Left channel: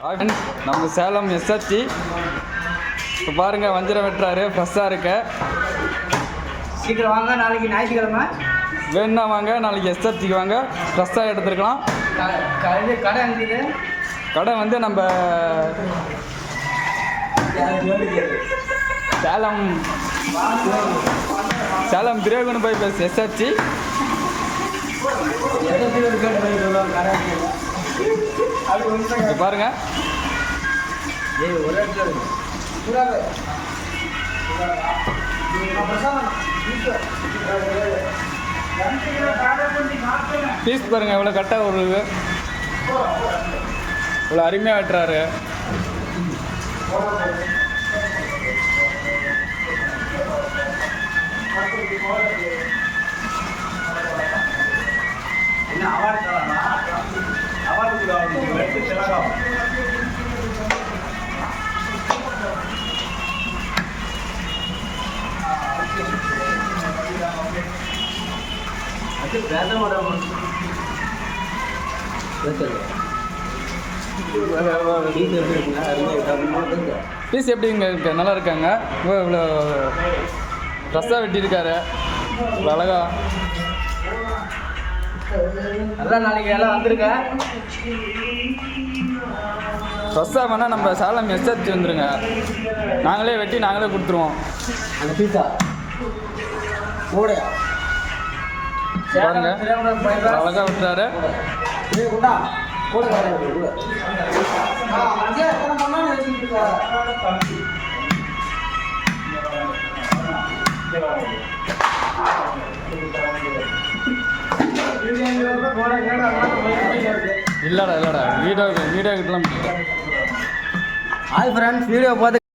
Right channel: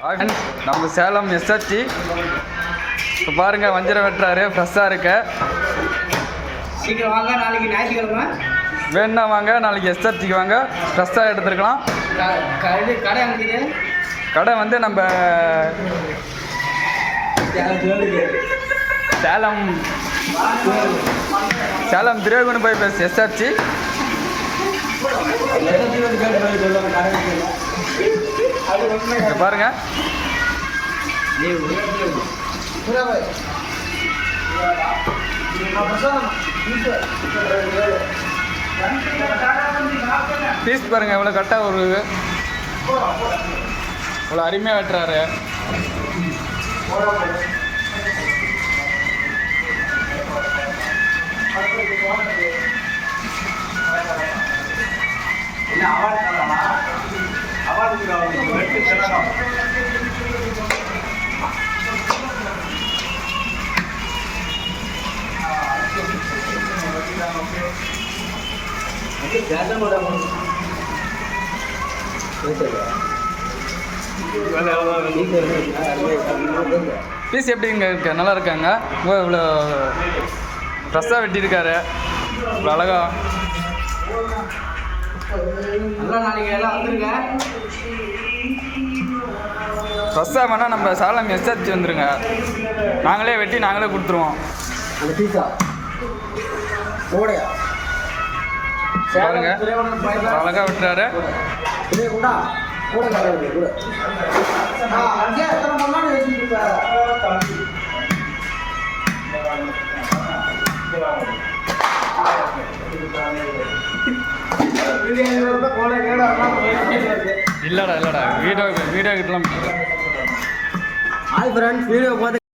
நம்ம சேலம் எஸ்ஆர்டி இப்போ பாருங்கள் வஞ்சிரம் வெட்டுறாரு. ஃப்ரெஷ்ஷாக இருக்க. சீக்கிரம் வாங்க, நாளைக்கு ஞாயிற்றுக்கிழமை. வேணுன்னா வாங்க, நாளைக்கு எஸ்ஆர்டிக்கு வாங்க, ஃப்ரெஷ்ஷாக எடுத்துருக்கலாம். கடை எங்கே? கடை வந்து நம்ம சேலம் திரேகுண்டு போய் ப்ளஸ் எஸ்ஆர்டி. பாருங்க, பீஸ் பாருங்க இவ்வளோ கரெக்டாக ஒரு இவ்வளோ அருமையாக வெட்டுறாரு. பீஸ் எப்படிங்க இருக்கு? நல்லா இருக்காங்க. இவ்வளோ ஃப்ரெஷ்ஷாக வெட்டியிருக்காரு. இவ்வளோ அழகா நல்லா நாளைக்கு எல்லாம் வந்துருங்க. ஃப்ரெஷ்ஷாக வேணால் நம்ம சேலம் எஸ்ஆர்டி வந்துருங்க. நாங்களே வெட்டி நாங்களே கொடுத்துருவோம். அந்த பீஸா பாருங்க, அழகா விட்டுறாரு. இல்லடா வீடியோ கிட்டலாம். ஹாய் ஃப்ரெண்ட்ஸ், வீடியோ பார்த்து